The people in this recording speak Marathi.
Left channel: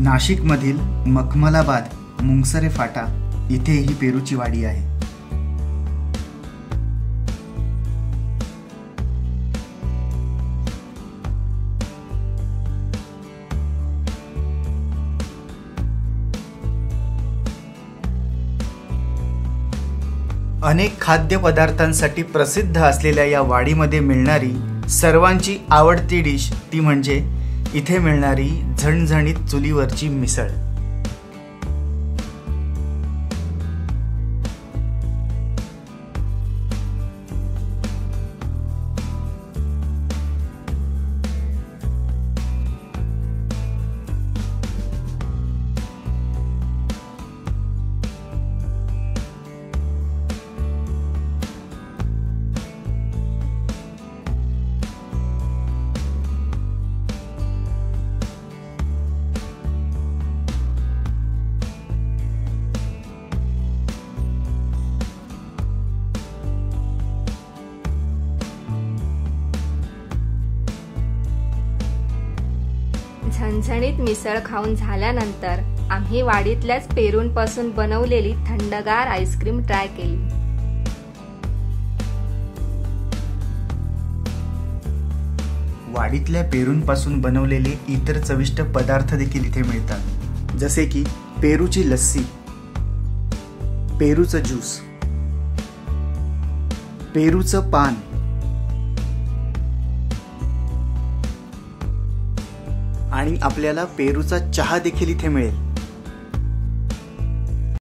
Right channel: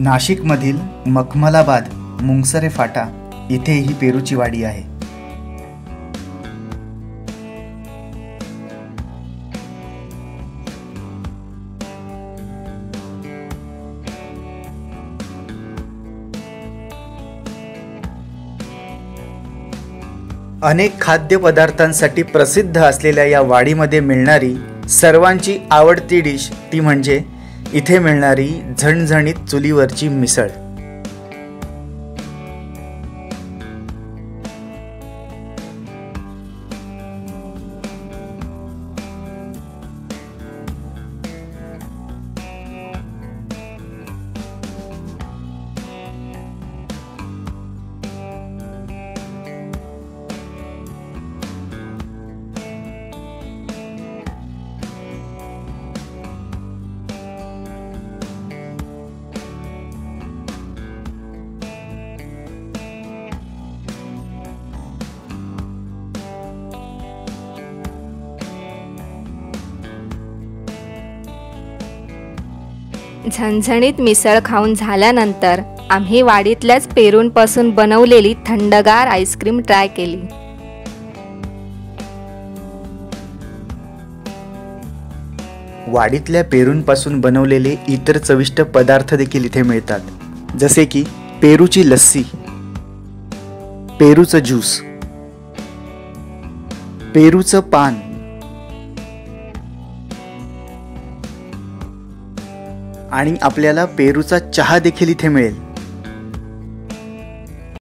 नाशिकमधील मखमलाबाद मुंगसरे फाटा इथे ही पेरूची वाडी आहे। अनेक खाद्यपदार्थांसाठी प्रसिद्ध असलेल्या या वाडीमध्ये मिळणारी सर्वांची आवडती डिश ती म्हणजे इथे मिळणारी झणझणीत चुलीवरची मिसळ। झणझणीत मिसळ खाऊन झाल्यानंतर आम्ही वाडीतल्याच पेरूंपासून बनवलेली थंडगार आईस्क्रीम ट्राय केली। वाडीतल्या पेरूंपासून बनवलेले इतर चविष्ट पदार्थ देखील इथे मिळतात, जसे की पेरूची लस्सी, पेरूचं ज्यूस, पेरूचं पान, आणि आपल्याला पेरूचा चहा देखील इथे मिळेल।